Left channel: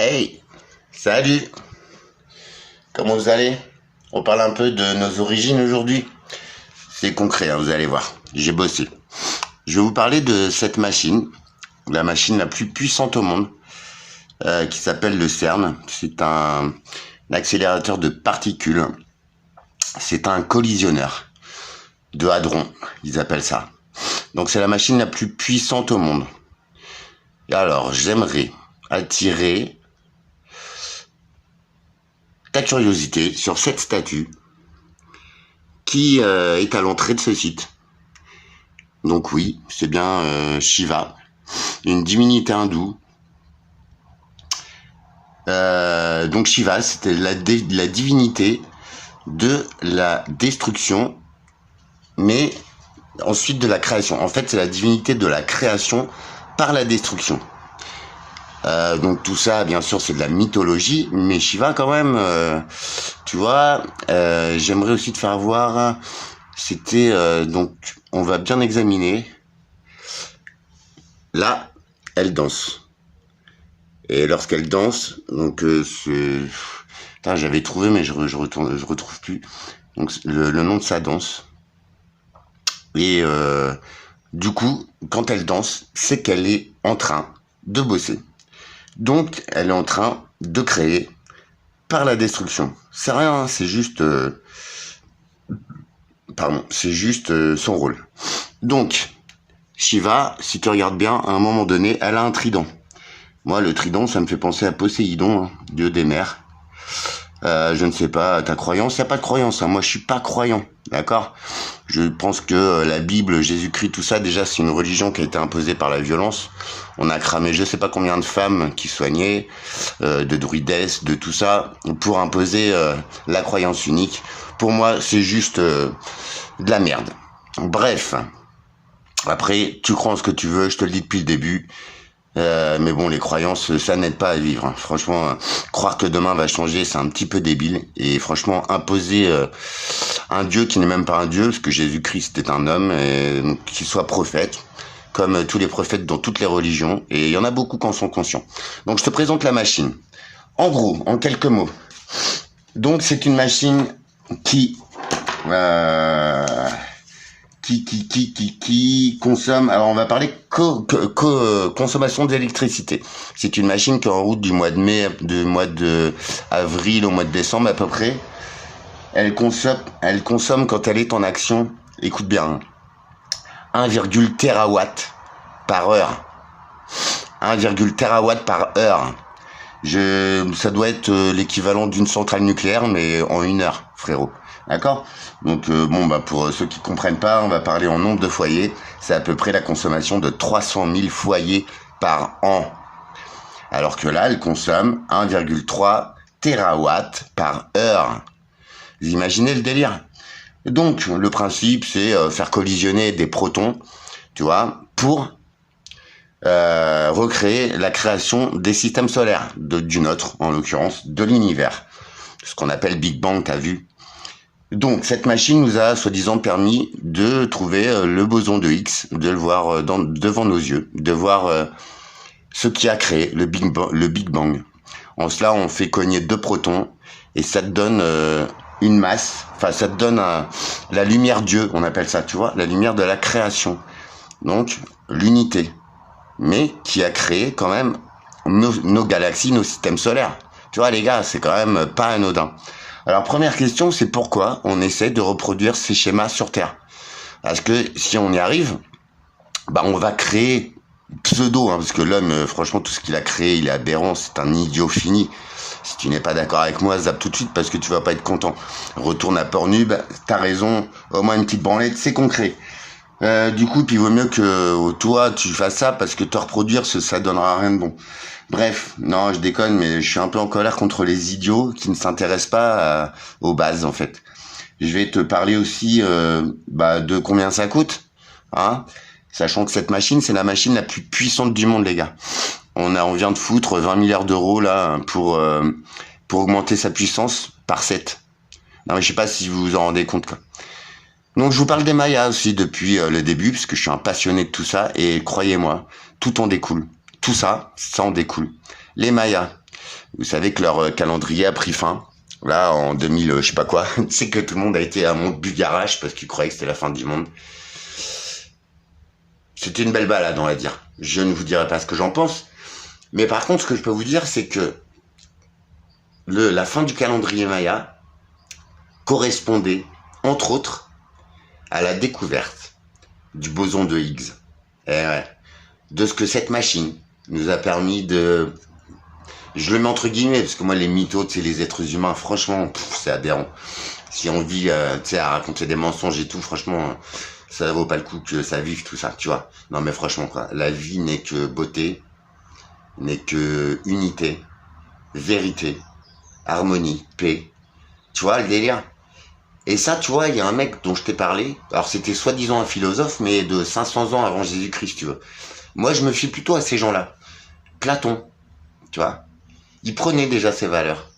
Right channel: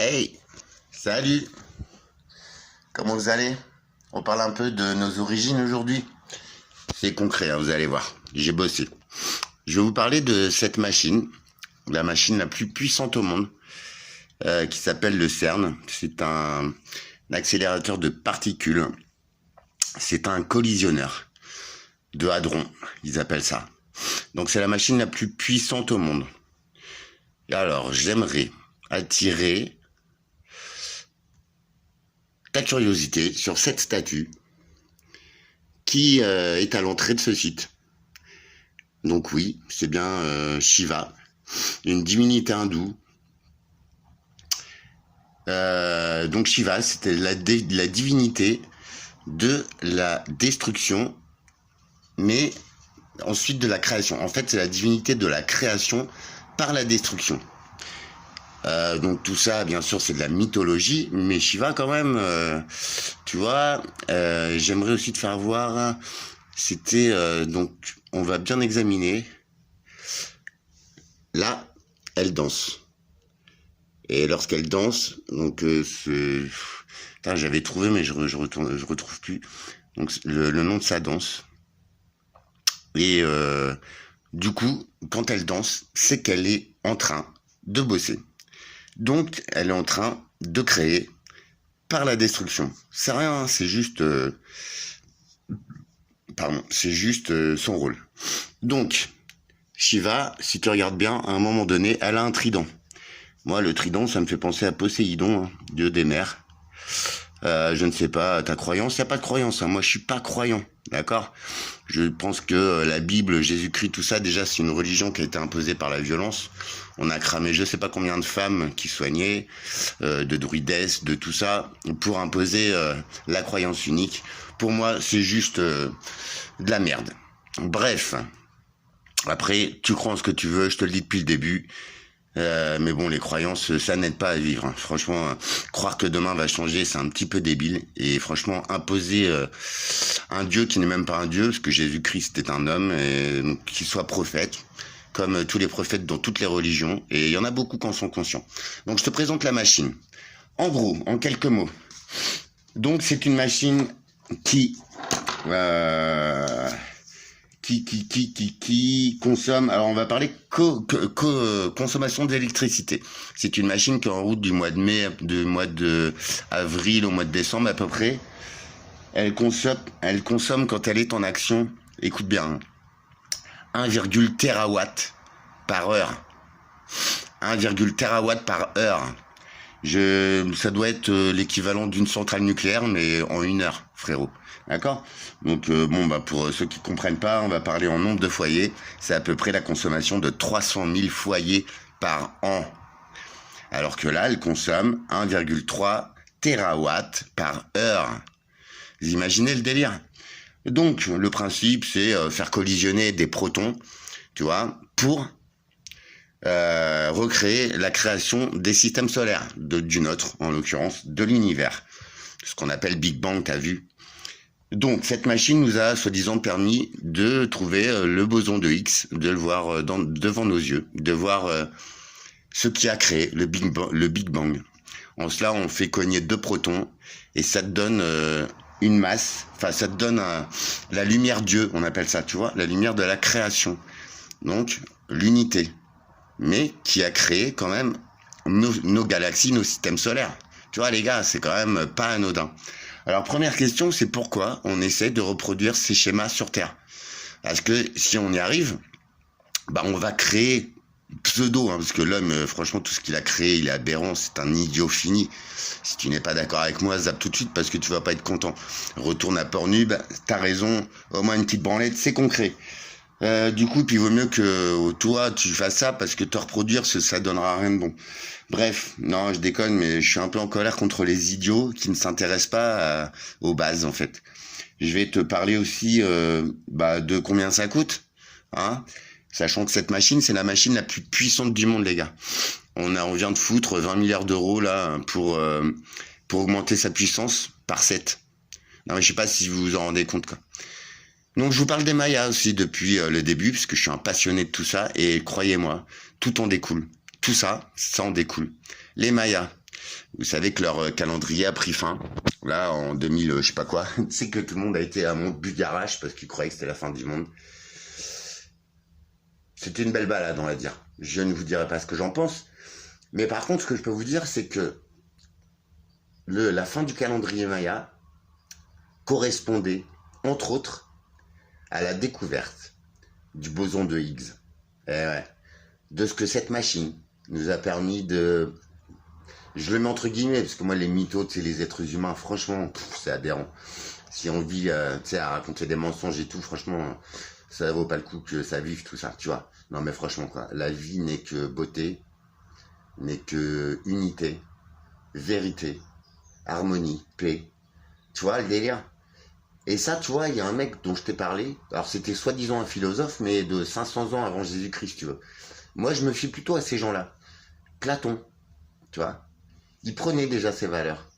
Hey, salut, comment vous allez? On parle un peu de nos origines aujourd'hui. C'est concret, hein, vous allez voir. J'ai bossé. Je vais vous parler de cette machine, la machine la plus puissante au monde, qui s'appelle le CERN. C'est un accélérateur de particules. C'est un collisionneur de hadrons, ils appellent ça. Donc c'est la machine la plus puissante au monde. Et alors, j'aimerais attirer ta curiosité sur cette statue qui est à l'entrée de ce site. Donc oui, c'est bien Shiva, une divinité hindoue. Donc Shiva, c'était la divinité de la destruction, mais ensuite de la création. En fait, c'est la divinité de la création par la destruction. Donc tout ça, bien sûr, c'est de la mythologie, mais Shiva quand même, tu vois, j'aimerais aussi te faire voir, c'était, donc, on va bien examiner, là, elle danse, et lorsqu'elle danse, donc, j'avais trouvé, mais je retrouve plus, donc le nom de sa danse, et du coup, quand elle danse, c'est qu'elle est en train de bosser. Donc, elle est en train de créer par la destruction. C'est rien, c'est juste... c'est juste son rôle. Donc, Shiva, si tu regardes bien, à un moment donné, elle a un trident. Moi, le trident, ça me fait penser à Poséidon, hein, dieu des mers. Je ne sais pas, ta croyance, il n'y a pas de croyance. Hein. Moi, je suis pas croyant, d'accord? Je pense que la Bible, Jésus-Christ, tout ça, déjà, c'est une religion qui a été imposée par la violence. On a cramé je sais pas combien de femmes qui soignaient, de druidesses, de tout ça, pour imposer la croyance unique. Pour moi, c'est juste de la merde. Bref, après, tu crois en ce que tu veux, je te le dis depuis le début. Mais bon, les croyances, ça n'aide pas à vivre. Hein. Franchement, croire que demain va changer, c'est un petit peu débile. Et franchement, imposer un dieu qui n'est même pas un dieu, parce que Jésus-Christ est un homme, et qu'il soit prophète, comme tous les prophètes dans toutes les religions. Et il y en a beaucoup qui en sont conscients. Donc, je te présente la machine. En gros, en quelques mots. Donc, c'est une machine qui consomme, alors on va parler consommation d'électricité. C'est une machine qui est en route du mois de mai, du mois de avril au mois de décembre à peu près. Elle consomme quand elle est en action, écoute bien, 1,1 terawatt par heure. 1,1 terawatt par heure. Ça doit être l'équivalent d'une centrale nucléaire, mais en 1 heure, frérot. D'accord? Donc, pour ceux qui comprennent pas, on va parler en nombre de foyers. C'est à peu près la consommation de 300 000 foyers par an. Alors que là, elle consomme 1,3 terawatts par heure. Vous imaginez le délire? Donc, le principe, c'est faire collisionner des protons, tu vois, pour recréer la création des systèmes solaires, du nôtre, en l'occurrence, de l'univers. Ce qu'on appelle Big Bang, t'as vu? Donc, cette machine nous a, soi-disant, permis de trouver le boson de Higgs, de le voir devant nos yeux, de voir ce qui a créé le Big Bang. En cela, on fait cogner 2 protons, et ça te donne une masse, enfin, ça te donne la lumière Dieu, on appelle ça, tu vois, la lumière de la création. Donc, l'unité. Mais qui a créé quand même nos galaxies, nos systèmes solaires. Tu vois, les gars, c'est quand même pas anodin. Alors, première question, c'est pourquoi on essaie de reproduire ces schémas sur Terre? Parce que si on y arrive, on va créer pseudo, parce que l'homme, franchement, tout ce qu'il a créé, il est aberrant, c'est un idiot fini. Si tu n'es pas d'accord avec moi, zappe tout de suite parce que tu vas pas être content. Retourne à Pornhub, t'as raison, au moins une petite branlette, c'est concret. Du coup, puis il vaut mieux que toi, tu fasses ça parce que te reproduire, ça donnera rien de bon. Bref, non, je déconne, mais je suis un peu en colère contre les idiots qui ne s'intéressent pas aux bases, en fait. Je vais te parler aussi de combien ça coûte, hein, sachant que cette machine, c'est la machine la plus puissante du monde, les gars. On vient de foutre 20 milliards d'euros là pour augmenter sa puissance par 7. Non, mais je sais pas si vous vous en rendez compte, quoi. Donc je vous parle des Mayas aussi depuis le début, parce que je suis un passionné de tout ça, et croyez-moi, tout en découle. Tout ça, ça en découle. Les Mayas. Vous savez que leur calendrier a pris fin. Là, en 2000, je sais pas quoi. Tu sais que tout le monde a été à Montbugarage parce qu'ils croyaient que c'était la fin du monde. C'était une belle balade, on va dire. Je ne vous dirai pas ce que j'en pense. Mais par contre, ce que je peux vous dire, c'est que la fin du calendrier Maya correspondait, entre autres, à la découverte du boson de Higgs. Et ouais, de ce que cette machine nous a permis de... Je le mets entre guillemets, parce que moi, les mythos, c'est les êtres humains, franchement, c'est aberrant. Si on vit, à raconter des mensonges et tout, franchement, ça vaut pas le coup que ça vive tout ça, tu vois. Non, mais franchement, quoi, la vie n'est que beauté, n'est que unité, vérité, harmonie, paix. Tu vois, le délire. Et ça, tu vois, il y a un mec dont je t'ai parlé. Alors, c'était soi-disant un philosophe, mais de 500 ans avant Jésus-Christ, tu vois. Moi, je me fie plutôt à ces gens-là. Platon, tu vois. Il prenait déjà ses valeurs.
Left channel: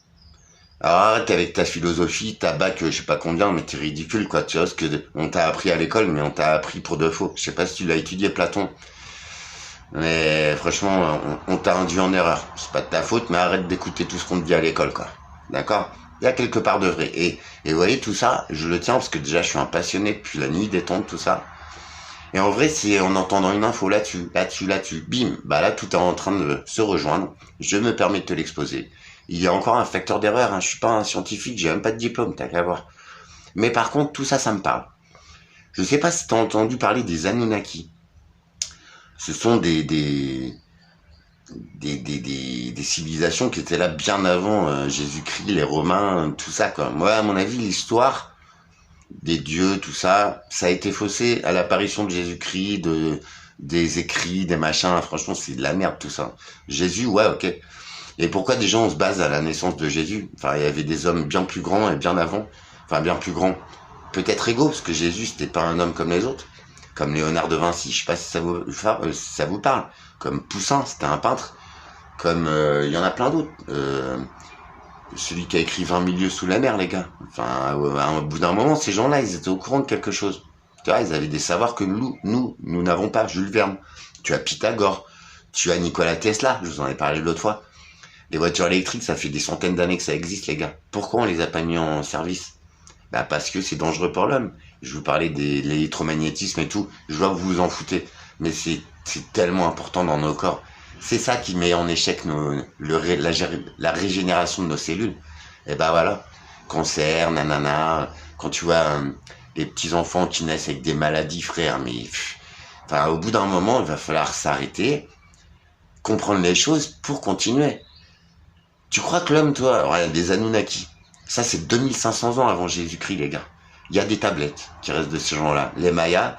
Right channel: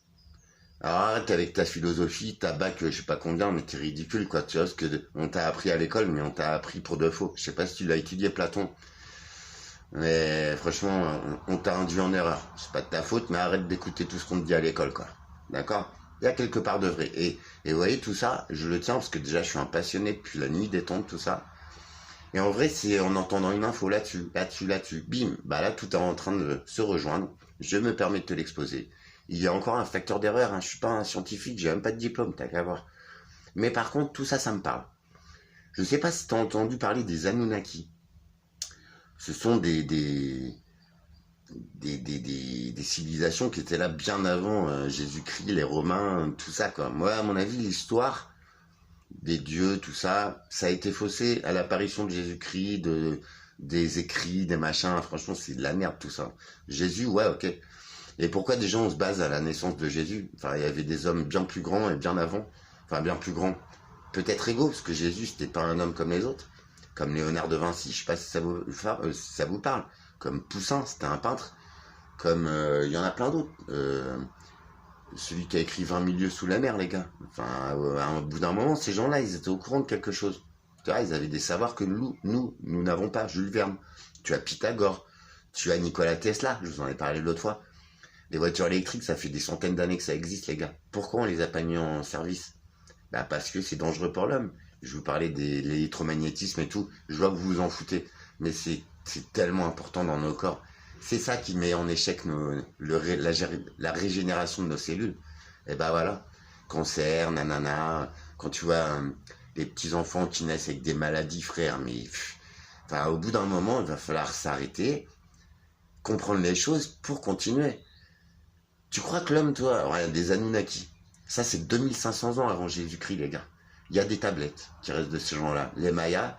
Alors, arrête avec ta philosophie, ta bac, je sais pas combien, mais t'es ridicule, quoi. Tu vois, ce que on t'a appris à l'école, mais on t'a appris pour de faux. Je sais pas si tu l'as étudié, Platon. Mais franchement, on t'a induit en erreur. C'est pas de ta faute, mais arrête d'écouter tout ce qu'on te dit à l'école, quoi. D'accord? Il y a quelque part de vrai. Et vous voyez, tout ça, je le tiens parce que déjà, je suis un passionné depuis la nuit des temps, tout ça. Et en vrai, c'est en entendant une info là-dessus, bim, bah là, tout est en train de se rejoindre. Je me permets de te l'exposer. Il y a encore un facteur d'erreur, hein. Je suis pas un scientifique, j'ai même pas de diplôme, t'as qu'à voir. Mais par contre, tout ça, ça me parle. Je sais pas si t'as entendu parler des Anunnaki. Ce sont des civilisations qui étaient là bien avant Jésus-Christ, les Romains, tout ça, quoi. Moi, à mon avis, l'histoire des dieux, tout ça, ça a été faussé à l'apparition de Jésus-Christ, des écrits, des machins. Franchement, c'est de la merde, tout ça. Jésus, ouais, ok. Et pourquoi des gens, on se base à la naissance de Jésus? Enfin, il y avait des hommes bien plus grands et bien avant. Enfin, bien plus grands. Peut-être égaux, parce que Jésus, c'était pas un homme comme les autres. Comme Léonard de Vinci, je sais pas si ça vous parle. Comme Poussin, c'était un peintre. Comme il y en a plein d'autres. Celui qui a écrit 20 milieux sous la mer, les gars. Enfin, au bout d'un moment, ces gens-là, ils étaient au courant de quelque chose. Tu vois, ils avaient des savoirs que nous n'avons pas. Jules Verne. Tu as Pythagore. Tu as Nikola Tesla. Je vous en ai parlé l'autre fois. Les voitures électriques, ça fait des centaines d'années que ça existe, les gars. Pourquoi on les a pas mis en service? Bah parce que c'est dangereux pour l'homme. Je vous parlais de l'électromagnétisme et tout. Je vois que vous vous en foutez. Mais c'est tellement important dans nos corps. C'est ça qui met en échec la régénération de nos cellules. Et ben voilà, cancer, nanana, quand tu vois les petits-enfants qui naissent avec des maladies, frère, mais enfin, au bout d'un moment, il va falloir s'arrêter, comprendre les choses pour continuer. Tu crois que l'homme, toi, alors il y a des Anunnaki, ça c'est 2500 ans avant Jésus-Christ, les gars. Il y a des tablettes qui restent de ces gens-là. Les Mayas,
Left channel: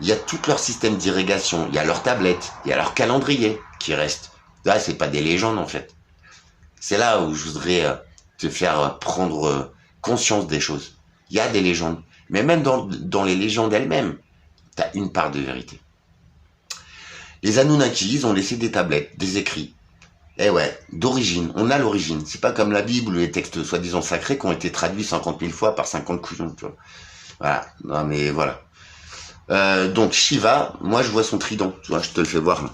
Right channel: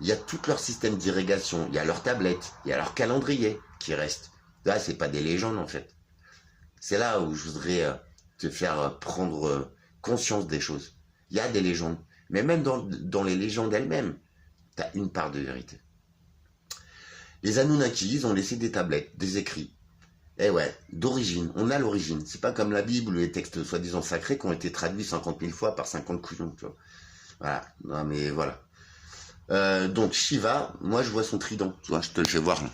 il y a tout leur système d'irrigation, il y a leurs tablettes, il y a leur calendrier qui reste. Là, c'est pas des légendes, en fait. C'est là où je voudrais te faire prendre conscience des choses. Il y a des légendes. Mais même dans les légendes elles-mêmes, tu as une part de vérité. Les Anunnaki, ils ont laissé des tablettes, des écrits. Eh ouais, d'origine. On a l'origine. C'est pas comme la Bible ou les textes soi-disant sacrés qui ont été traduits 50 000 fois par 50 couillons, tu vois. Voilà. Non, mais voilà. Donc, Shiva, moi, je vois son trident. Tu vois, je te le fais voir, là.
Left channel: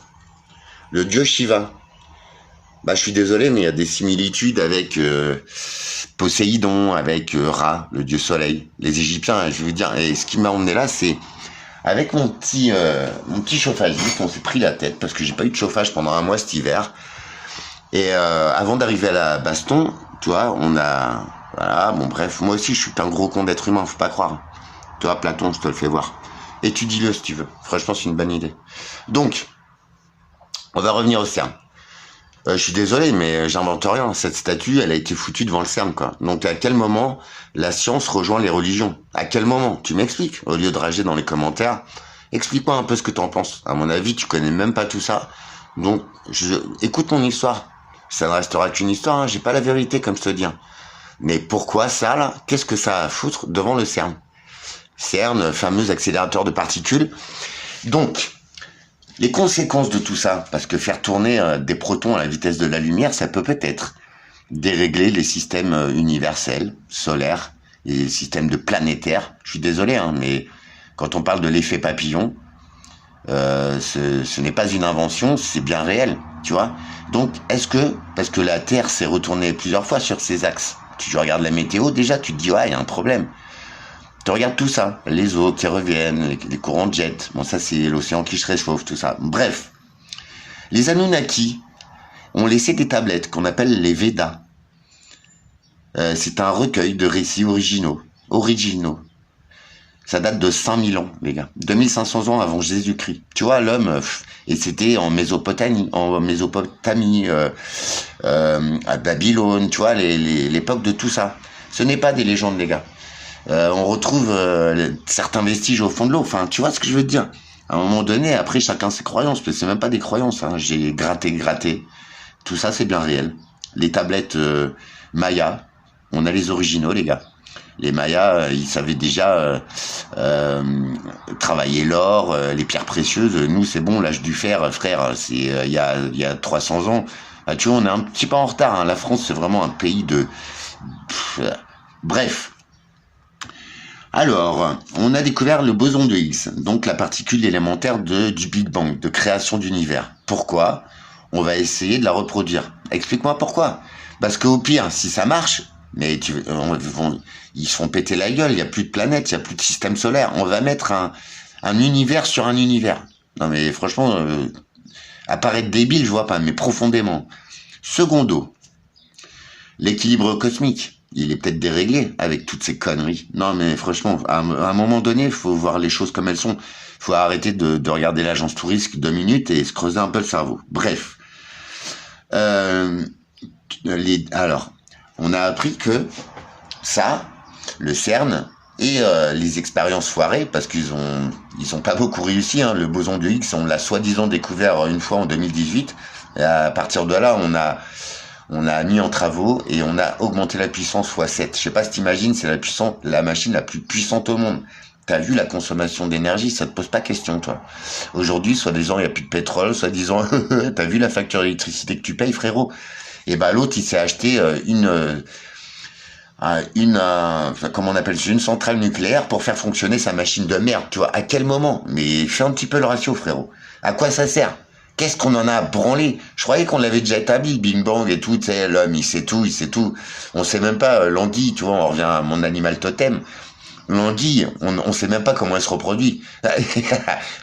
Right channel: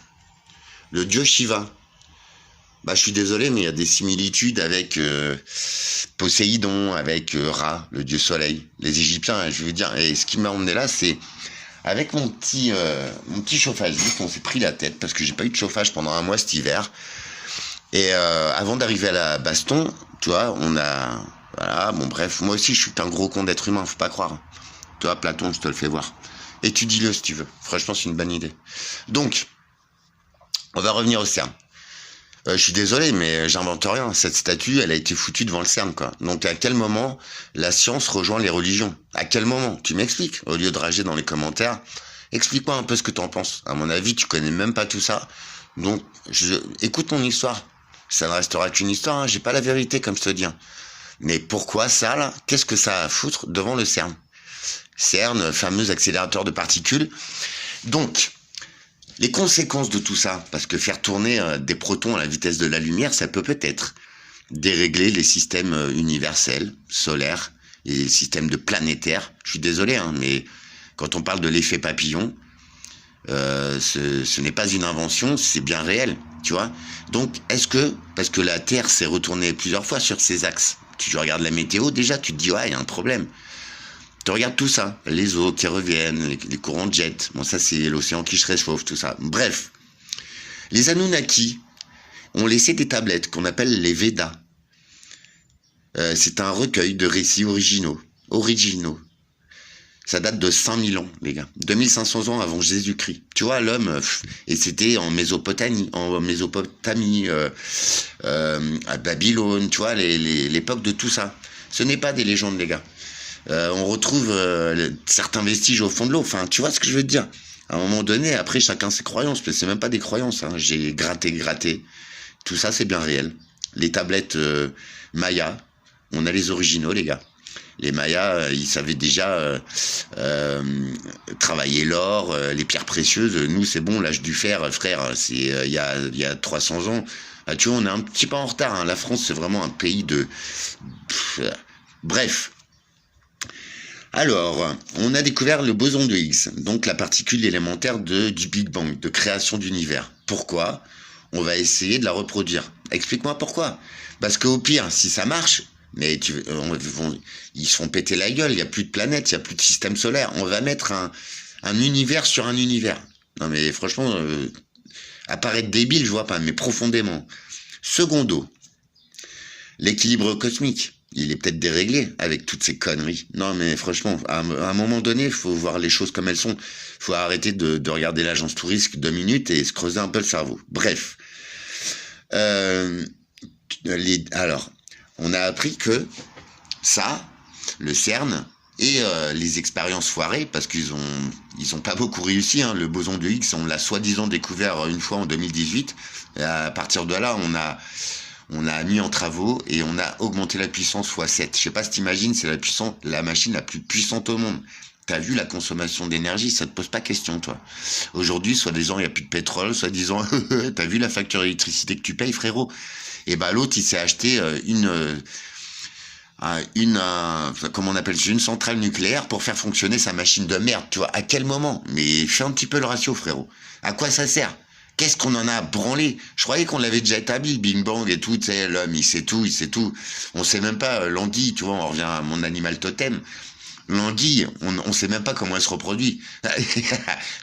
Le dieu Shiva. Bah, je suis désolé, mais il y a des similitudes avec Poséidon, avec Ra, le dieu soleil. Les Égyptiens, je veux dire. Et ce qui m'a emmené là, c'est avec mon petit chauffagiste, on s'est pris la tête parce que j'ai pas eu de chauffage pendant un mois cet hiver. Et avant d'arriver à la baston, tu vois, on a... Voilà, bon bref, moi aussi je suis un gros con d'être humain, faut pas croire. Tu vois, Platon, je te le fais voir. Étudie-le si tu veux. Franchement, c'est une bonne idée. Donc, on va revenir au CERN. Je suis désolé, mais j'invente rien. Cette statue, elle a été foutue devant le CERN, quoi. Donc, à quel moment la science rejoint les religions? À quel moment? Tu m'expliques? Au lieu de rager dans les commentaires, explique-moi un peu ce que t'en penses. À mon avis, tu connais même pas tout ça. Donc, écoute mon histoire. Ça ne restera qu'une histoire, hein. J'ai pas la vérité, comme je te dis. Mais pourquoi ça, là? Qu'est-ce que ça a à foutre devant le CERN? CERN, fameux accélérateur de particules. Donc, les conséquences de tout ça, parce que faire tourner des protons à la vitesse de la lumière, ça peut peut-être dérégler les systèmes universels, solaires, et les systèmes de planétaires. Je suis désolé, hein, mais quand on parle de l'effet papillon, ce n'est pas une invention, c'est bien réel. Tu vois? Donc, parce que la Terre s'est retournée plusieurs fois sur ses axes, tu regardes la météo, déjà, tu te dis, ouais, il y a un problème. Tu regardes tout ça, les eaux qui reviennent, les courants de jet. Bon, ça, c'est l'océan qui se réchauffe, tout ça. Bref. Les Anunnaki ont laissé des tablettes qu'on appelle les Védas. C'est un recueil de récits originaux. Ça date de 5000 ans, les gars. 2500 ans avant Jésus-Christ. Tu vois, l'homme, et c'était en Mésopotamie, à Babylone, tu vois, l'époque de tout ça. Ce n'est pas des légendes, les gars. On retrouve certains vestiges au fond de l'eau. Enfin, tu vois ce que je veux te dire. À un moment donné, après, chacun ses croyances. Parce que c'est même pas des croyances. Hein. J'ai gratté. Tout ça, c'est bien réel. Les tablettes Maya, on a les originaux, les gars. Les Mayas, ils savaient déjà travailler l'or, les pierres précieuses. Nous, c'est bon, l'âge du fer, frère, c'est il y a 300 ans. Ah, tu vois, on est un petit peu en retard. Hein. La France, c'est vraiment un pays de... Bref. Alors, on a découvert le boson de Higgs, donc la particule élémentaire du Big Bang, de création d'univers. Pourquoi? On va essayer de la reproduire. Explique-moi pourquoi. Parce qu'au pire, si ça marche, mais ils se font péter la gueule, il n'y a plus de planètes, il n'y a plus de système solaire. On va mettre un univers sur un univers. Non mais franchement, apparaître débile, je vois pas, mais profondément. Secondo, l'équilibre cosmique. Il est peut-être déréglé avec toutes ces conneries. Non, mais franchement, à un moment donné, il faut voir les choses comme elles sont. Il faut arrêter de regarder l'agence touriste 2 minutes et se creuser un peu le cerveau. Bref. Alors, on a appris que ça, le CERN et les expériences foirées, parce qu'ils ont pas beaucoup réussi. Hein, le boson de Higgs, on l'a soi-disant découvert une fois en 2018. Et à partir de là, on a mis en travaux et on a augmenté la puissance x7. Je sais pas si t'imagines, c'est la machine la plus puissante au monde. T'as vu la consommation d'énergie, ça te pose pas question, toi. Aujourd'hui, soi-disant, il n'y a plus de pétrole, soi-disant, t'as vu la facture d'électricité que tu payes, frérot? Et bah, l'autre, il s'est acheté comment on appelle ça, une centrale nucléaire pour faire fonctionner sa machine de merde, tu vois. À quel moment? Mais fais un petit peu le ratio, frérot. À quoi ça sert? Qu'est-ce qu'on en a branlé? Je croyais qu'on l'avait déjà établi, le Big Bang et tout, tu sais, l'homme, il sait tout. On sait même pas, l'anguille, tu vois, on revient à mon animal totem. L'anguille, on sait même pas comment elle se reproduit.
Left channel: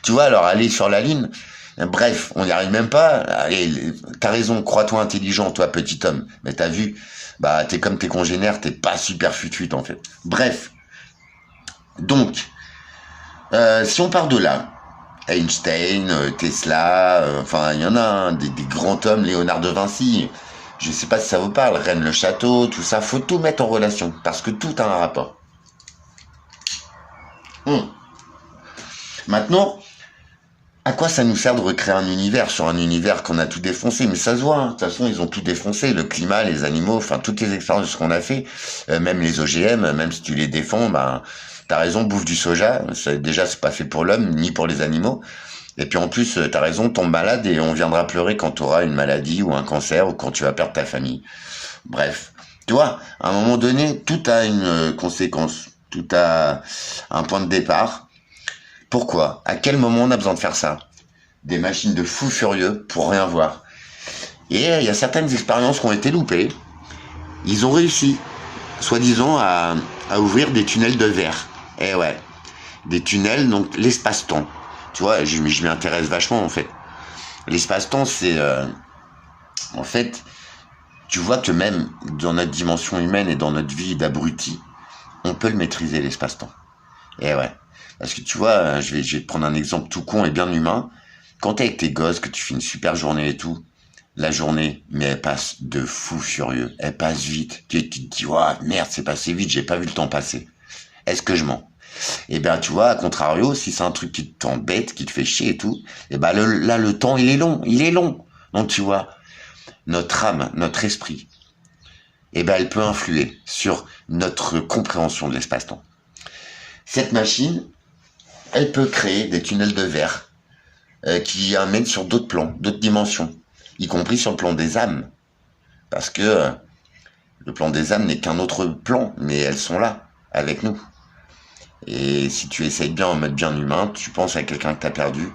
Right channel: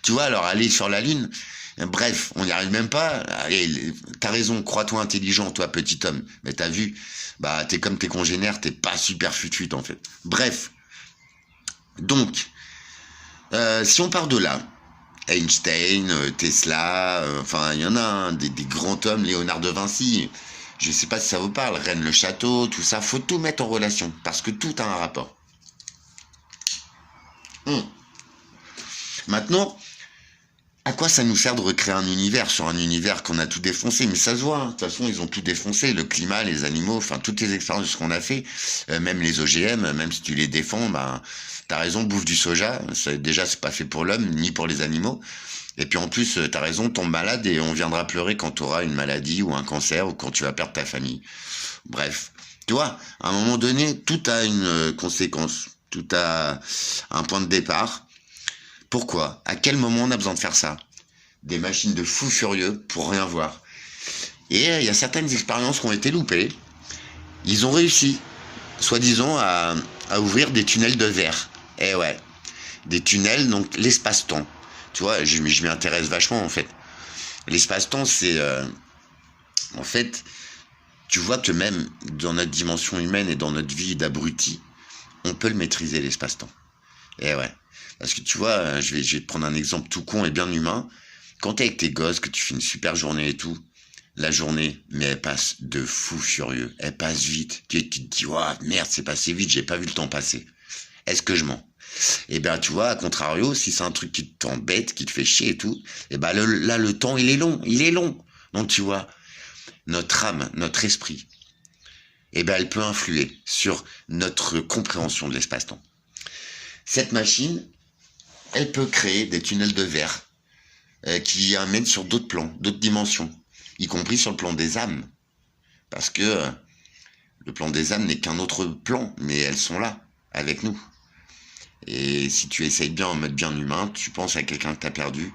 Tu vois, alors aller sur la Lune, bref, on n'y arrive même pas. Allez, t'as raison, crois-toi intelligent, toi, petit homme. Mais t'as vu, bah, t'es comme tes congénères, t'es pas super futut, en fait. Bref. Donc, si on part de là, Einstein, Tesla, enfin il y en a des grands hommes, Léonard de Vinci, je sais pas si ça vous parle, Rennes le Château, tout ça, faut tout mettre en relation, parce que tout a un rapport. Maintenant, à quoi ça nous sert de recréer un univers sur un univers qu'on a tout défoncé? Mais ça se voit, hein. De toute façon, ils ont tout défoncé, le climat, les animaux, enfin toutes les expériences qu'on a fait, même les OGM, même si tu les défends, ben... T'as raison, bouffe du soja, déjà c'est pas fait pour l'homme, ni pour les animaux. Et puis en plus, t'as raison, tombe malade et on viendra pleurer quand t'auras une maladie ou un cancer ou quand tu vas perdre ta famille. Bref, tu vois, à un moment donné, tout a une conséquence, tout a un point de départ. Pourquoi? À quel moment on a besoin de faire ça? Des machines de fous furieux pour rien voir. Et il y a certaines expériences qui ont été loupées. Ils ont réussi, soi-disant, à ouvrir des tunnels de verre. Eh ouais, des tunnels, donc l'espace-temps. Tu vois, je m'y intéresse vachement en fait. L'espace-temps, c'est... en fait, tu vois que même dans notre dimension humaine et dans notre vie d'abruti, on peut le maîtriser, l'espace-temps. Eh ouais, parce que tu vois, je vais te prendre un exemple tout con et bien humain. Quand t'es avec tes gosses, que tu fais une super journée et tout, la journée, mais elle passe de fou furieux. Elle passe vite. Tu te dis, oh, merde, c'est passé vite, j'ai pas vu le temps passer. Est-ce que je mens? Eh bien, tu vois, à contrario, si c'est un truc qui t'embête, qui te fait chier et tout, eh ben là, le temps, il est long. Donc, tu vois, notre âme, notre esprit, eh ben, elle peut influer sur notre compréhension de l'espace-temps. Cette machine, elle peut créer des tunnels de verre qui amènent sur d'autres plans, d'autres dimensions, y compris sur le plan des âmes. Parce que le plan des âmes n'est qu'un autre plan, mais elles sont là, avec nous. Et si tu essayes bien en mode bien humain, tu penses à quelqu'un que tu as perdu,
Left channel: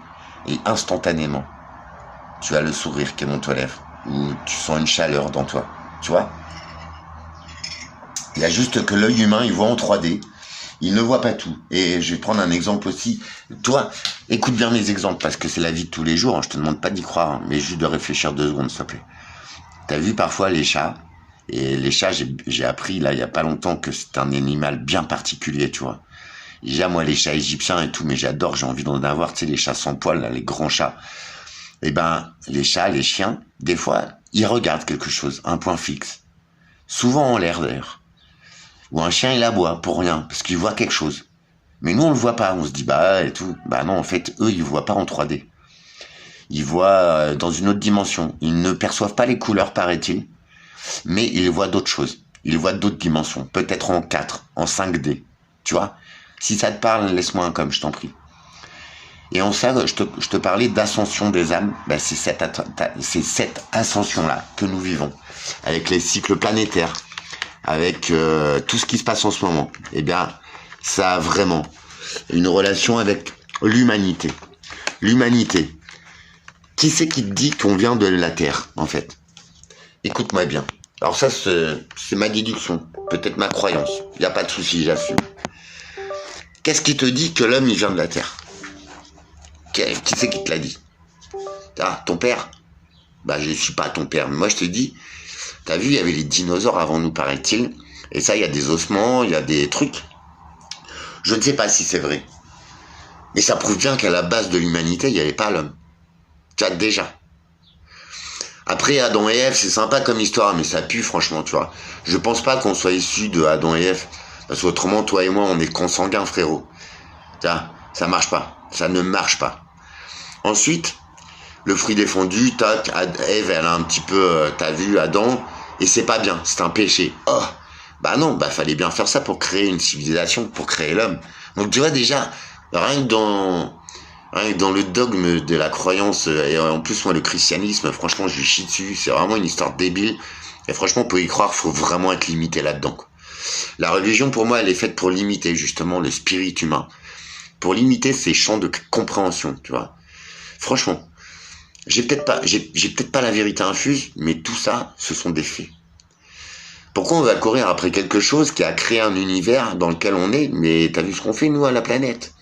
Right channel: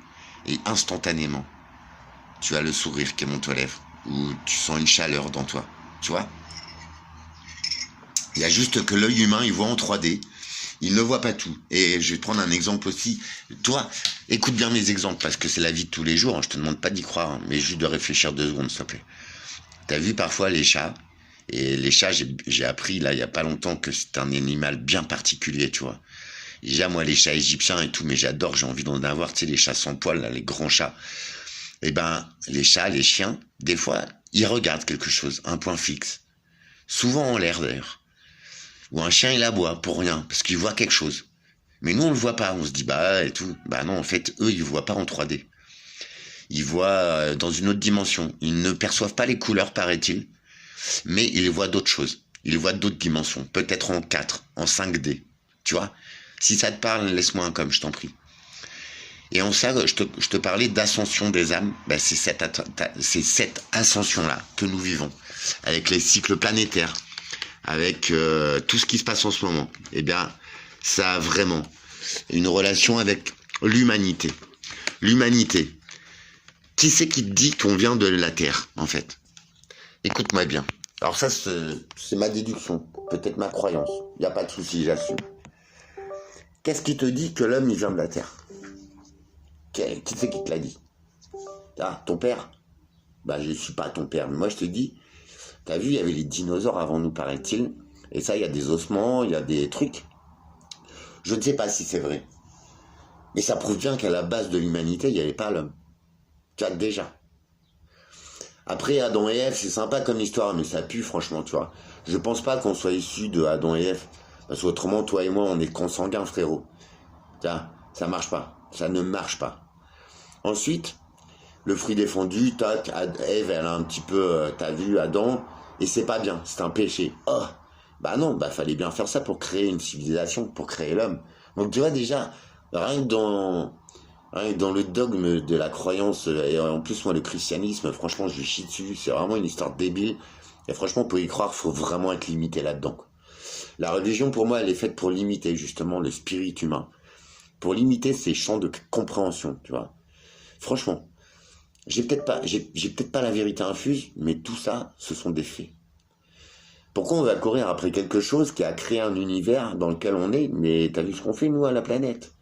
et instantanément, tu as le sourire qui monte aux lèvres, ou tu sens une chaleur dans toi, tu vois. Il y a juste que l'œil humain, il voit en 3D, il ne voit pas tout. Et je vais te prendre un exemple aussi. Toi, écoute bien mes exemples, parce que c'est la vie de tous les jours, hein. Je te demande pas d'y croire, hein, mais juste de réfléchir 2 secondes, s'il te plaît. T'as vu parfois les chats, et les chats, j'ai appris là il y a pas longtemps que c'est un animal bien particulier, tu vois. Déjà moi les chats égyptiens et tout, mais j'adore, j'ai envie d'en avoir, tu sais, les chats sans poils, là, les grands chats. Eh ben les chats, les chiens, des fois ils regardent quelque chose, un point fixe, souvent en l'air d'ailleurs. Ou un chien il aboie pour rien, parce qu'il voit quelque chose. Mais nous on le voit pas, on se dit bah et tout. Bah non, en fait eux ils voient pas en 3D. Ils voient dans une autre dimension. Ils ne perçoivent pas les couleurs, paraît-il, mais ils voient d'autres choses. Ils voient d'autres dimensions, peut-être en 4, en 5D. Tu vois? Si ça te parle, laisse-moi un comme, je t'en prie. Et en ça, je te parlais d'ascension des âmes. Ben, c'est cette ascension-là que nous vivons, avec les cycles planétaires, avec tout ce qui se passe en ce moment. Eh bien, ça a vraiment une relation avec l'humanité. L'humanité. Qui c'est qui te dit qu'on vient de la Terre, en fait? Écoute-moi bien. Alors ça, c'est ma déduction, peut-être ma croyance. Il n'y a pas de souci, j'assume. Qu'est-ce qui te dit que l'homme, il vient de la Terre? Qui c'est qui te l'a dit? Ah, ton père? Bah, je ne suis pas ton père. Mais moi, je te dis, t'as vu, il y avait les dinosaures avant nous, paraît-il. Et ça, il y a des ossements, il y a des trucs. Je ne sais pas si c'est vrai. Mais ça prouve bien qu'à la base de l'humanité, il n'y avait pas l'homme. Tu vois, déjà. Après, Adam et Ève, c'est sympa comme histoire, mais ça pue, franchement, tu vois. Je pense pas qu'on soit issus de Adam et Ève. Parce qu'autrement, toi et moi, on est consanguins, frérot. Tu vois, ça marche pas. Ça ne marche pas. Ensuite, le fruit défendu, tac, Ève, elle a un petit peu, t'as vu, Adam, et c'est pas bien, c'est un péché. Oh, bah non, bah fallait bien faire ça pour créer une civilisation, pour créer l'homme. Donc tu vois déjà, rien que dans le dogme de la croyance, et en plus moi le christianisme, franchement je lui chie dessus, c'est vraiment une histoire débile, et franchement pour y croire, faut vraiment être limité là-dedans. La religion pour moi elle est faite pour limiter justement le spirit humain, pour limiter ses champs de compréhension, tu vois. Franchement, j'ai peut-être pas la vérité infuse, mais tout ça, ce sont des faits. Pourquoi on va courir après quelque chose qui a créé un univers dans lequel on est, mais t'as vu ce qu'on fait nous à la planète?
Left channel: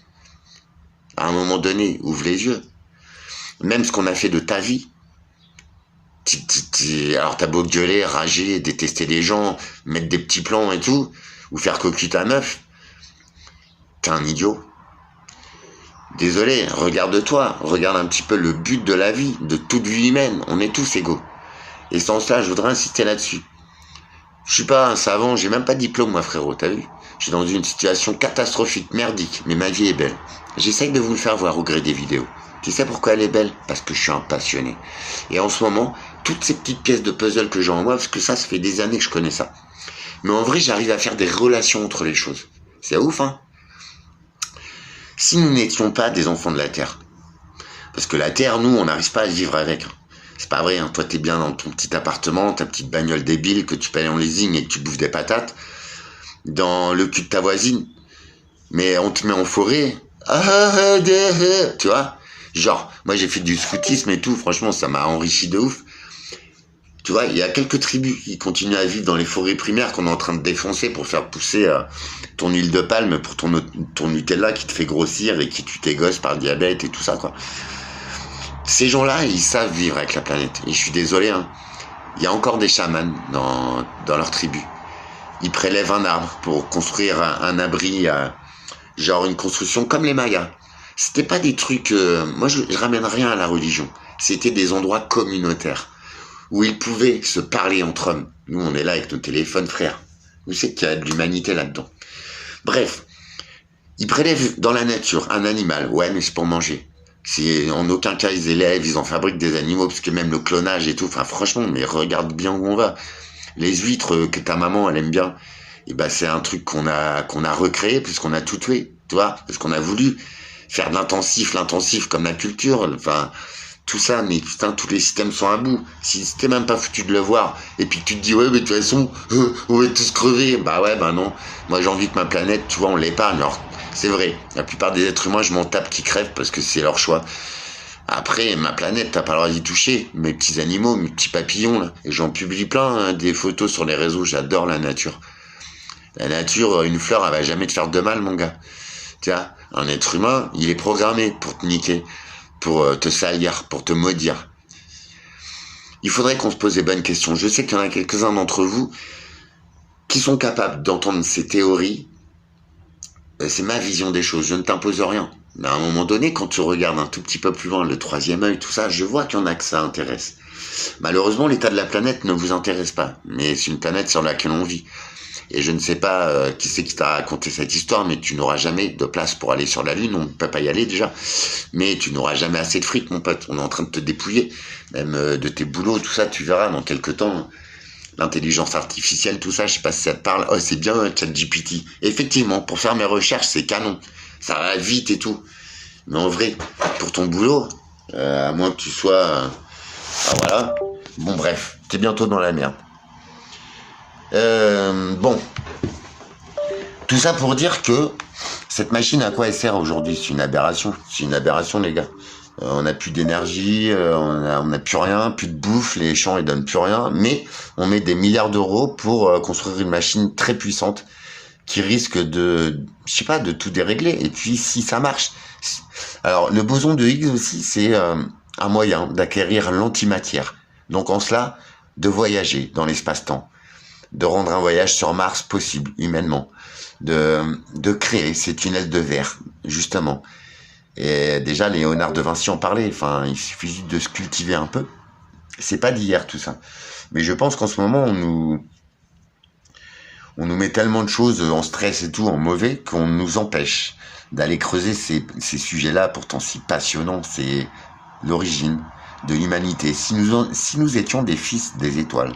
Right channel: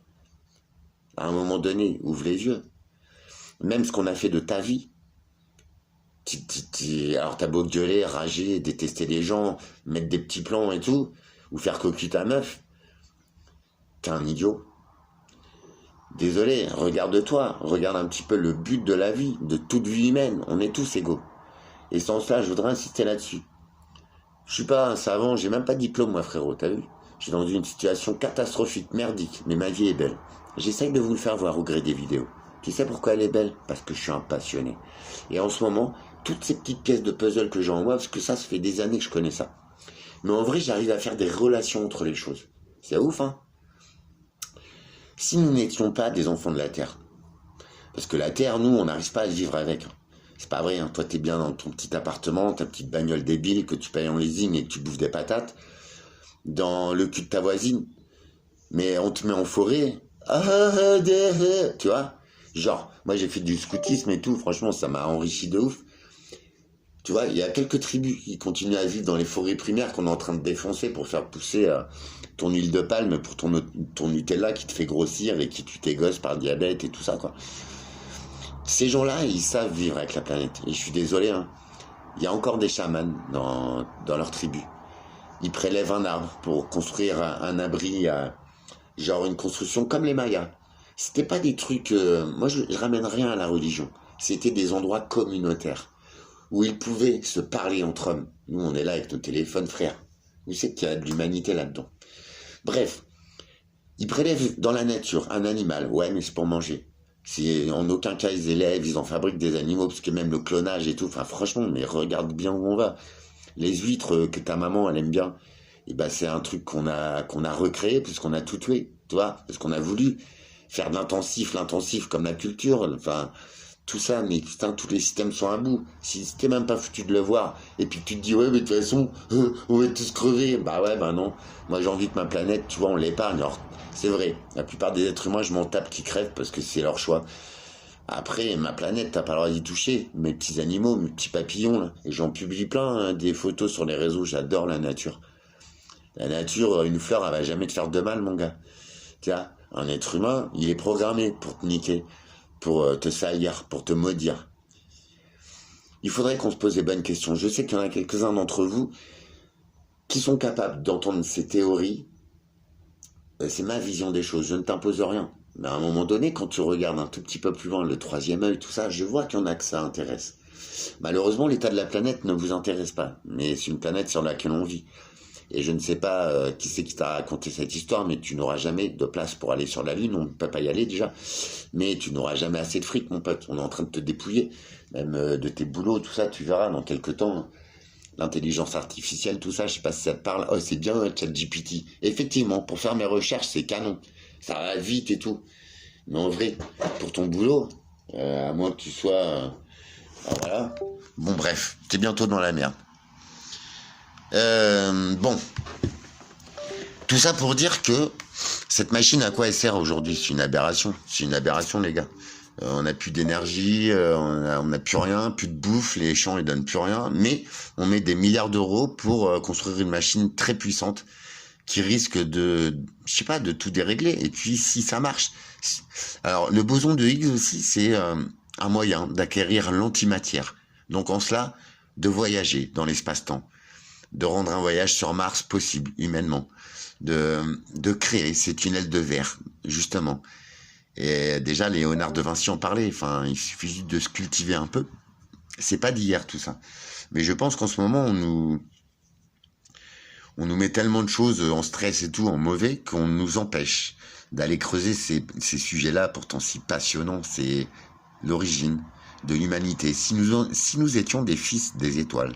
À un moment donné, ouvre les yeux. Même ce qu'on a fait de ta vie. Alors t'as beau gueuler, rager, détester les gens, mettre des petits plans et tout, ou faire cocu ta meuf, t'es un idiot. Désolé, regarde-toi, regarde un petit peu le but de la vie, de toute vie humaine, on est tous égaux. Et sans ça, je voudrais insister là-dessus. Je suis pas un savant, j'ai même pas de diplôme moi frérot, t'as vu? Je suis dans une situation catastrophique, merdique, mais ma vie est belle. J'essaye de vous le faire voir au gré des vidéos. Tu sais pourquoi elle est belle? Parce que je suis un passionné. Et en ce moment, toutes ces petites pièces de puzzle que j'ai en moi, parce que ça fait des années que je connais ça. Mais en vrai, j'arrive à faire des relations entre les choses. C'est ouf, hein? Si nous n'étions pas des enfants de la Terre, parce que la Terre, nous, on n'arrive pas à vivre avec. C'est pas vrai, hein. Toi, t'es bien dans ton petit appartement, ta petite bagnole débile que tu payes en leasing et que tu bouffes des patates, dans le cul de ta voisine. Mais on te met en forêt. Tu vois? Genre, moi, j'ai fait du scoutisme et tout. Franchement, ça m'a enrichi de ouf. Tu vois, il y a quelques tribus qui continuent à vivre dans les forêts primaires qu'on est en train de défoncer pour faire pousser ton huile de palme pour ton Nutella qui te fait grossir et qui tue tes gosses par le diabète et tout ça, quoi. Ces gens-là, ils savent vivre avec la planète. Et je suis désolé, hein. Il y a encore des chamans dans leur tribu. Ils prélèvent un arbre pour construire un abri, genre une construction comme les Mayas. C'était pas des trucs... moi, je ramène rien à la religion. C'était des endroits communautaires où ils pouvaient se parler entre hommes. Nous, on est là avec nos téléphones, frères. Vous savez qu'il y a de l'humanité là-dedans. Bref, ils prélèvent dans la nature un animal. Ouais, mais c'est pour manger. C'est en aucun cas ils élèvent, ils en fabriquent des animaux, parce que même le clonage et tout, enfin franchement, mais regarde bien où on va. Les huîtres que ta maman, elle aime bien, et ben c'est un truc qu'on a recréé, puisqu'on a tout tué, tu vois, parce qu'on a voulu faire de l'intensif comme la culture, enfin... Tout ça, mais putain, tous les systèmes sont à bout. Si t'es même pas foutu de le voir, et puis que tu te dis, ouais, mais de toute façon, on va tous crever. Bah ouais, bah non. Moi, j'ai envie que ma planète, tu vois, on l'épargne. Alors, c'est vrai, la plupart des êtres humains, je m'en tape qui crèvent parce que c'est leur choix. Après, ma planète, t'as pas le droit d'y toucher. Mes petits animaux, mes petits papillons, là. Et j'en publie plein, hein, des photos sur les réseaux. J'adore la nature. La nature, une fleur, elle va jamais te faire de mal, mon gars. Tu vois, un être humain, il est programmé pour te niquer, pour te salir, pour te maudire. Il faudrait qu'on se pose des bonnes questions. Je sais qu'il y en a quelques-uns d'entre vous qui sont capables d'entendre ces théories. C'est ma vision des choses. Je ne t'impose rien. Mais à un moment donné, quand tu regardes un tout petit peu plus loin, le troisième œil, tout ça, je vois qu'il y en a que ça intéresse. Malheureusement, l'état de la planète ne vous intéresse pas. Mais c'est une planète sur laquelle on vit. Et je ne sais pas qui c'est qui t'a raconté cette histoire, mais tu n'auras jamais de place pour aller sur la Lune. On ne peut pas y aller déjà. Mais tu n'auras jamais assez de fric, mon pote. On est en train de te dépouiller. Même de tes boulots, tout ça, tu verras dans quelques temps. L'intelligence artificielle, tout ça, je sais pas si ça te parle. Oh, c'est bien ChatGPT. Effectivement, pour faire mes recherches, c'est canon. Ça va vite et tout. Mais en vrai, pour ton boulot, à moins que tu sois... ah voilà. Bon, bref, t'es bientôt dans la merde. Bon. Tout ça pour dire que cette machine, à quoi elle sert aujourd'hui? C'est une aberration. C'est une aberration, les gars. On n'a plus d'énergie, on n'a plus rien, plus de bouffe, les champs ils donnent plus rien, mais on met des milliards d'euros pour construire une machine très puissante qui risque de, je sais pas, de tout dérégler. Et puis si ça marche, alors le boson de Higgs aussi, c'est un moyen d'acquérir l'antimatière. Donc en cela, de voyager dans l'espace-temps, de rendre un voyage sur Mars possible humainement, de créer ces tunnels de verre, justement. Et déjà, Léonard de Vinci en parlait. Enfin, il suffit de se cultiver un peu. C'est pas d'hier tout ça. Mais je pense qu'en ce moment, on nous met tellement de choses en stress et tout, en mauvais, qu'on nous empêche d'aller creuser ces sujets-là, pourtant si passionnants. C'est l'origine de l'humanité. Si nous étions des fils des étoiles,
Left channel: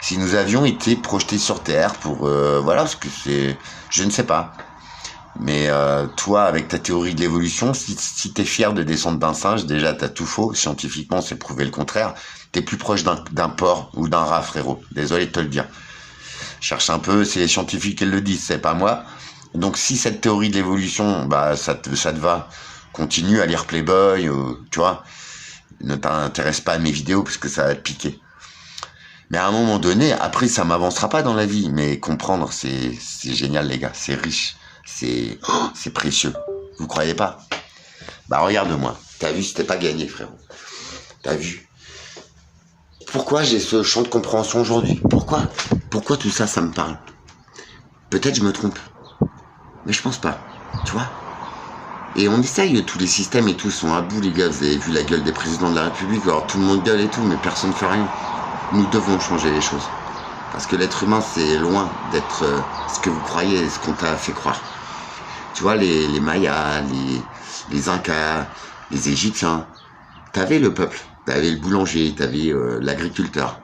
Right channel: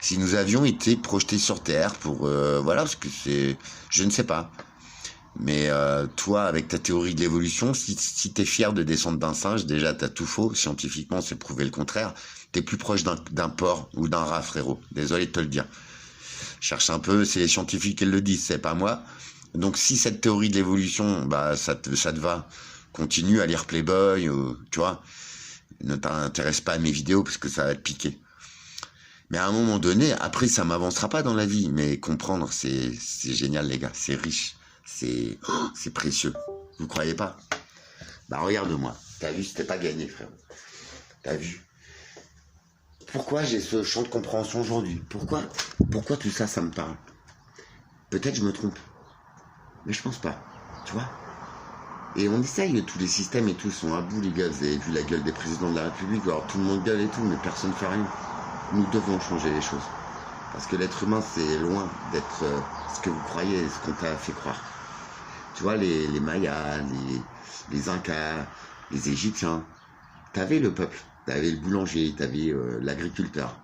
si nous avions été projetés sur Terre pour... voilà, parce que c'est... Je ne sais pas. Mais toi, avec ta théorie de l'évolution, si t'es fier de descendre d'un singe, déjà t'as tout faux. Scientifiquement, c'est prouvé le contraire. T'es plus proche d'un porc ou d'un rat, frérot. Désolé de te le dire. Cherche un peu, c'est les scientifiques qui le disent, c'est pas moi. Donc si cette théorie de l'évolution, bah ça te va, continue à lire Playboy, tu vois. Ne t'intéresse pas à mes vidéos parce que ça va te piquer. Mais à un moment donné, après ça m'avancera pas dans la vie. Mais comprendre, c'est génial, les gars. C'est riche. C'est précieux. Vous croyez pas? Bah regarde-moi. T'as vu, c'était pas gagné, frérot. T'as vu? Pourquoi j'ai ce champ de compréhension aujourd'hui? Pourquoi tout ça, ça me parle? Peut-être je me trompe. Mais je pense pas. Tu vois? Et on essaye, tous les systèmes et tout sont à bout, les gars. Vous avez vu la gueule des présidents de la République. Alors tout le monde gueule et tout, mais personne ne fait rien. Nous devons changer les choses. Parce que l'être humain, c'est loin d'être ce que vous croyez, ce qu'on t'a fait croire. Tu vois, les Mayas, les Incas, les Égyptiens, t'avais le peuple, t'avais le boulanger, t'avais l'agriculteur.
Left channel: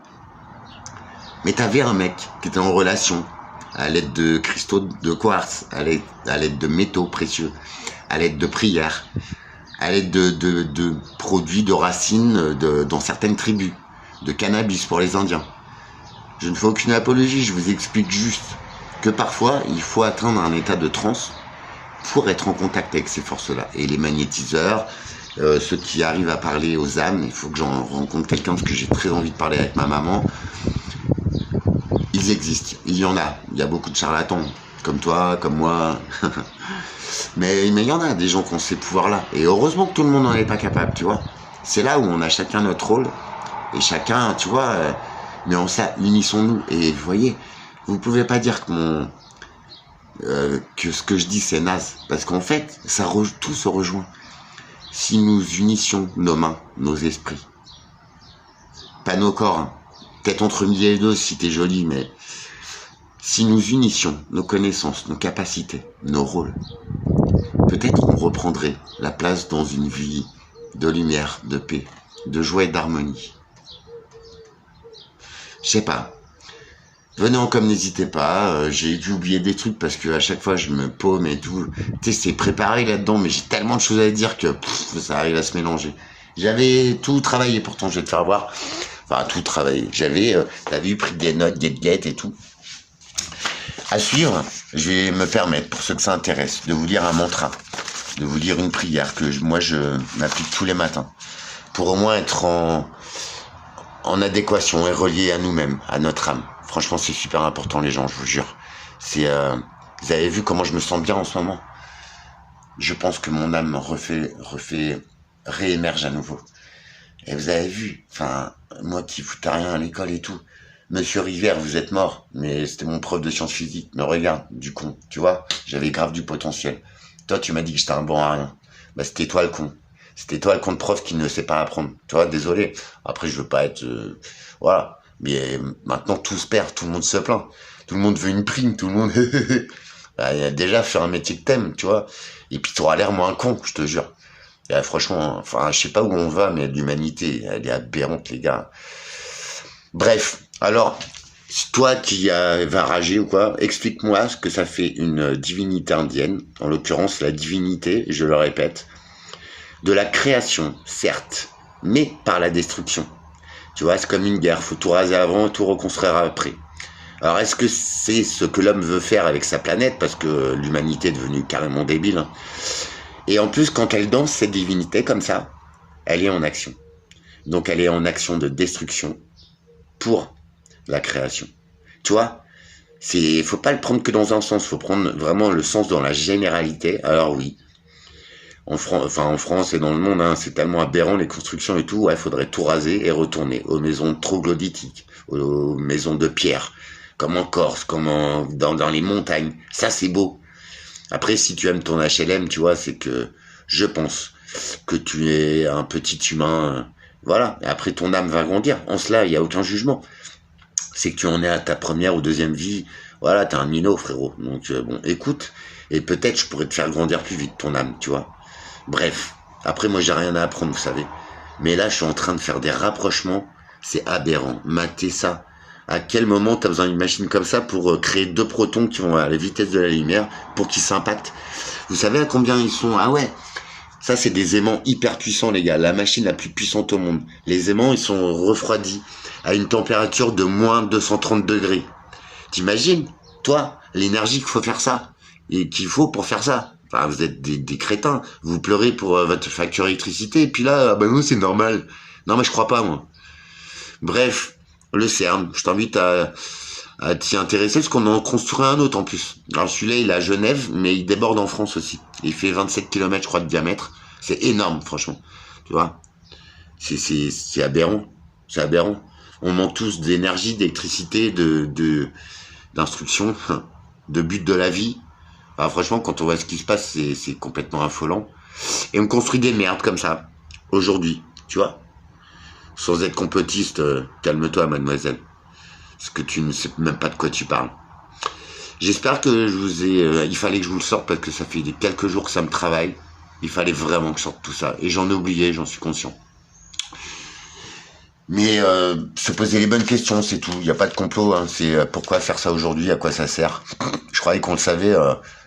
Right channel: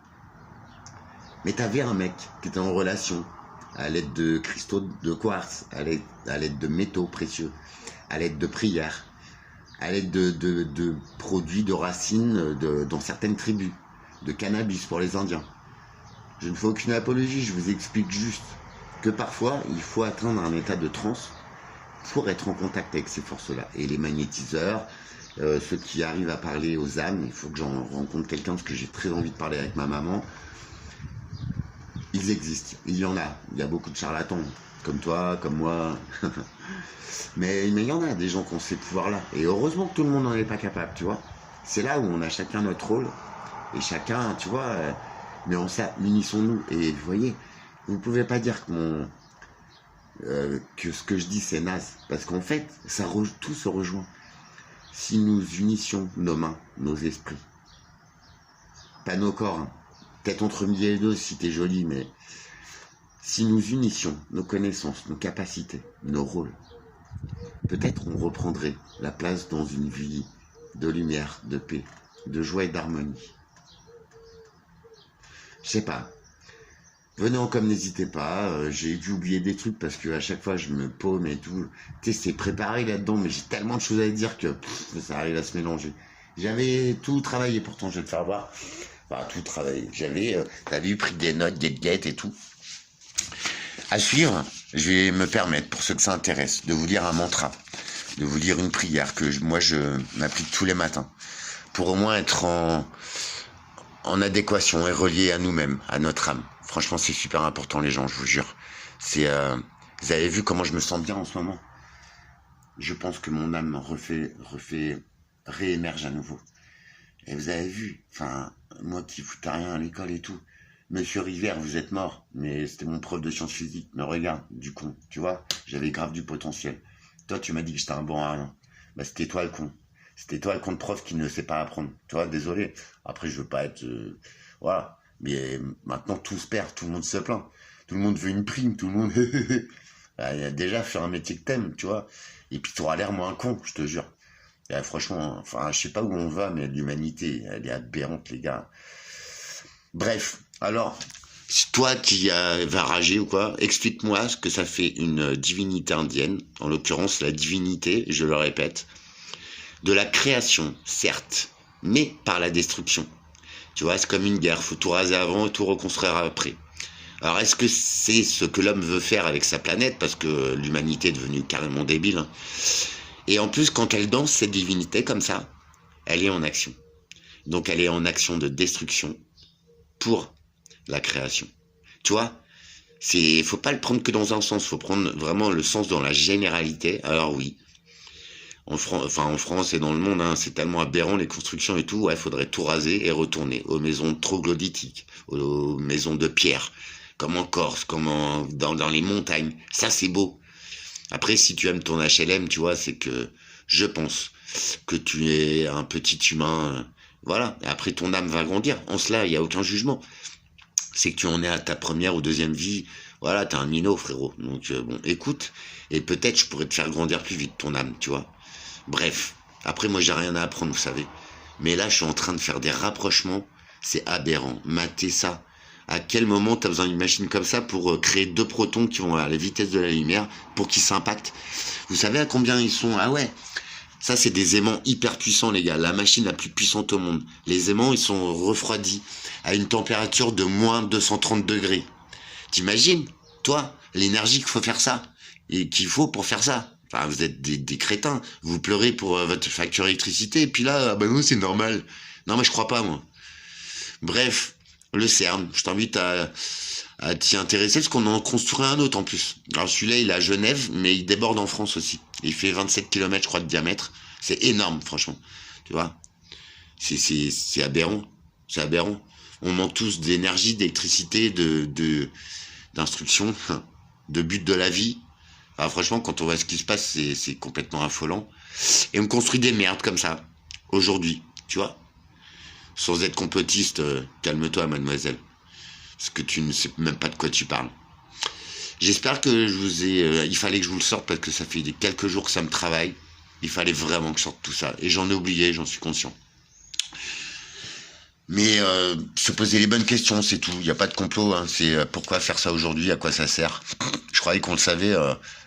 Mais t'avais un mec qui était en relation à l'aide de cristaux de quartz, à l'aide de métaux précieux, à l'aide de prières, à l'aide de produits de racines dans certaines tribus, de cannabis pour les Indiens. Je ne fais aucune apologie, je vous explique juste que parfois, il faut atteindre un état de transe pour être en contact avec ces forces-là. Et les magnétiseurs, ceux qui arrivent à parler aux âmes, il faut que j'en rencontre quelqu'un parce que j'ai très envie de parler avec ma maman. Ils existent, il y en a. Il y a beaucoup de charlatans, comme toi, comme moi. mais il y en a des gens qui ont ces pouvoirs-là. Et heureusement que tout le monde n'en est pas capable, tu vois. C'est là où on a chacun notre rôle. Et chacun, tu vois... mais en ça, unissons-nous. Et vous voyez, vous pouvez pas dire que ce que je dis c'est naze. Parce qu'en fait, tout se rejoint. Si nous unissions nos mains, nos esprits. Pas nos corps. Hein. Peut-être entre midi et deux si t'es joli, mais... Si nous unissions nos connaissances, nos capacités, nos rôles, peut-être qu'on reprendrait la place dans une vie de lumière, de paix, de joie et d'harmonie. Je sais pas. Venez en com, n'hésitez pas. J'ai dû oublier des trucs parce que à chaque fois je me paume et tout. Tu sais, c'est préparé là-dedans, mais j'ai tellement de choses à dire que ça arrive à se mélanger. J'avais tout travaillé, pourtant je vais te faire voir. Enfin, tout travaillé. J'avais, t'as vu, pris des notes, des guettes et tout. À suivre, je vais me permettre, pour ceux que ça intéresse, de vous lire un mantra. de vous lire une prière que moi je m'applique tous les matins pour au moins être en adéquation et relié à nous-mêmes, à notre âme. Franchement, c'est super important, les gens, je vous jure. Vous avez vu comment je me sens bien en ce moment? Je pense que mon âme réémerge à nouveau. Et vous avez vu, enfin, moi qui foutais rien à l'école et tout, Monsieur Rivière, vous êtes mort, mais c'était mon prof de sciences physiques. Mais regarde, du con, tu vois, j'avais grave du potentiel. Toi, tu m'as dit que j'étais un bon à rien. Bah, c'était toi le con. C'était toi le con de prof qui ne sait pas apprendre. Tu vois, désolé. Après, je veux pas être... voilà. Mais maintenant, tout se perd, tout le monde se plaint. Tout le monde veut une prime, tout le monde... bah, déjà, faire un métier que t'aimes, tu vois. Et puis, t'auras l'air moins con, je te jure. Et, franchement, enfin, je sais pas où on va, mais l'humanité, elle est aberrante, les gars. Bref, alors, toi qui va rager ou quoi, explique-moi ce que ça fait une divinité indienne, en l'occurrence la divinité, je le répète, de la création, certes, mais par la destruction. Tu vois, c'est comme une guerre, faut tout raser avant et tout reconstruire après. Alors, est-ce que c'est ce que l'homme veut faire avec sa planète, parce que l'humanité est devenue carrément débile, hein. Et en plus, quand elle danse cette divinité comme ça, elle est en action. Donc, elle est en action de destruction pour la création. Tu vois, faut pas le prendre que dans un sens, faut prendre vraiment le sens dans la généralité. Alors oui, en France et dans le monde, hein, c'est tellement aberrant les constructions et tout, ouais, faudrait tout raser et retourner aux maisons troglodytiques, aux maisons de pierre, comme en Corse, comme dans les montagnes. Ça, c'est beau. Après, si tu aimes ton HLM, tu vois, c'est que je pense que tu es un petit humain, voilà. Et après, ton âme va grandir. En cela, il n'y a aucun jugement. C'est que tu en es à ta première ou deuxième vie. Voilà, t'es un minot, frérot. Donc, bon, écoute. Et peut-être je pourrais te faire grandir plus vite, ton âme, tu vois. Bref. Après, moi, j'ai rien à apprendre, vous savez. Mais là, je suis en train de faire des rapprochements. C'est aberrant. Matez ça. À quel moment tu as besoin d'une machine comme ça pour créer deux protons qui vont à la vitesse de la lumière pour qu'ils s'impactent? Vous savez à combien ils sont? Ah ouais, ça c'est des aimants hyper puissants, les gars. La machine la plus puissante au monde. Les aimants, ils sont refroidis à une température de moins 230 degrés. T'imagines, toi, l'énergie qu'il faut faire ça et qu'il faut pour faire ça? Enfin, vous êtes des crétins. Vous pleurez pour votre facture d'électricité et puis là, ben non, c'est normal. Non, mais je crois pas, moi. Bref. Le CERN, je t'invite à t'y intéresser parce qu'on en construit un autre en plus. Alors celui-là, il est à Genève, mais il déborde en France aussi. Il fait 27 km, je crois, de diamètre. C'est énorme, franchement. Tu vois, c'est aberrant. C'est aberrant. On manque tous d'énergie, d'électricité, d'instruction, de but de la vie. Alors, franchement, quand on voit ce qui se passe, c'est complètement affolant. Et on construit des merdes comme ça, aujourd'hui, tu vois. Sans être complotiste, calme-toi, mademoiselle. Parce que tu ne sais même pas de quoi tu parles. J'espère que je vous ai... il fallait que je vous le sorte parce que ça fait quelques jours que ça me travaille. Il fallait vraiment que je sorte tout ça. Et j'en ai oublié, j'en suis conscient. Mais se poser les bonnes questions, c'est tout. Il n'y a pas de complot. Hein. C'est pourquoi faire ça aujourd'hui, à quoi ça sert. Je croyais qu'on le savait,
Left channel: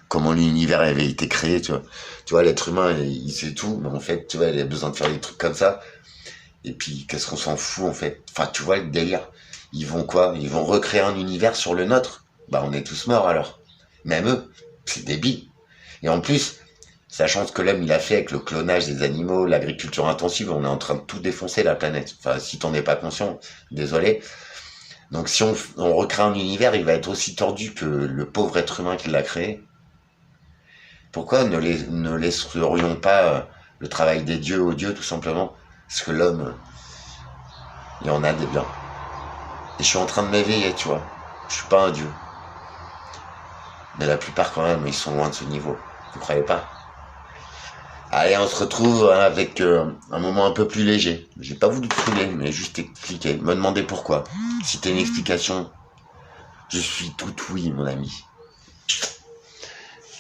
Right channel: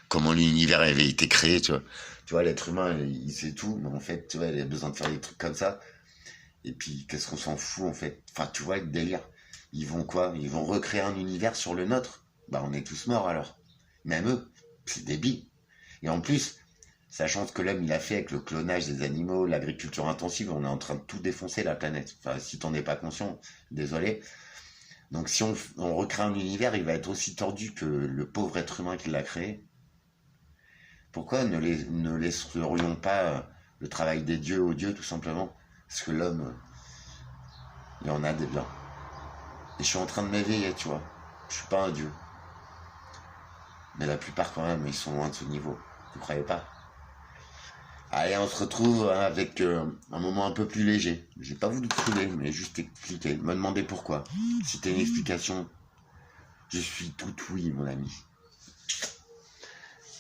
comment l'univers avait été créé. Tu vois, l'être humain, il sait tout. Mais en fait, tu vois, il a besoin de faire des trucs comme ça. Et puis, qu'est-ce qu'on s'en fout, en fait? Enfin, tu vois, le délire. Ils vont quoi? Ils vont recréer un univers sur le nôtre? Bah, on est tous morts, alors. Même eux. C'est débile. Et en plus, sachant ce que l'homme, il a fait avec le clonage des animaux, l'agriculture intensive, on est en train de tout défoncer, la planète. Enfin, si t'en es pas conscient, désolé. Donc, si on recrée un univers, il va être aussi tordu que le pauvre être humain qui l'a créé. Pourquoi ne laisserions pas le travail des dieux aux dieux, tout simplement? Parce que l'homme, il y en a des biens. Et je suis en train de m'éveiller, tu vois. Je suis pas un dieu. Mais la plupart, quand même, ils sont loin de ce niveau. Vous croyez pas? Allez, on se retrouve avec un moment un peu plus léger. J'ai pas voulu te couler, mais juste expliquer. Me demander pourquoi. Si t'as une explication, je suis tout oui, mon ami.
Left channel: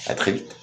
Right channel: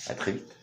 À très vite.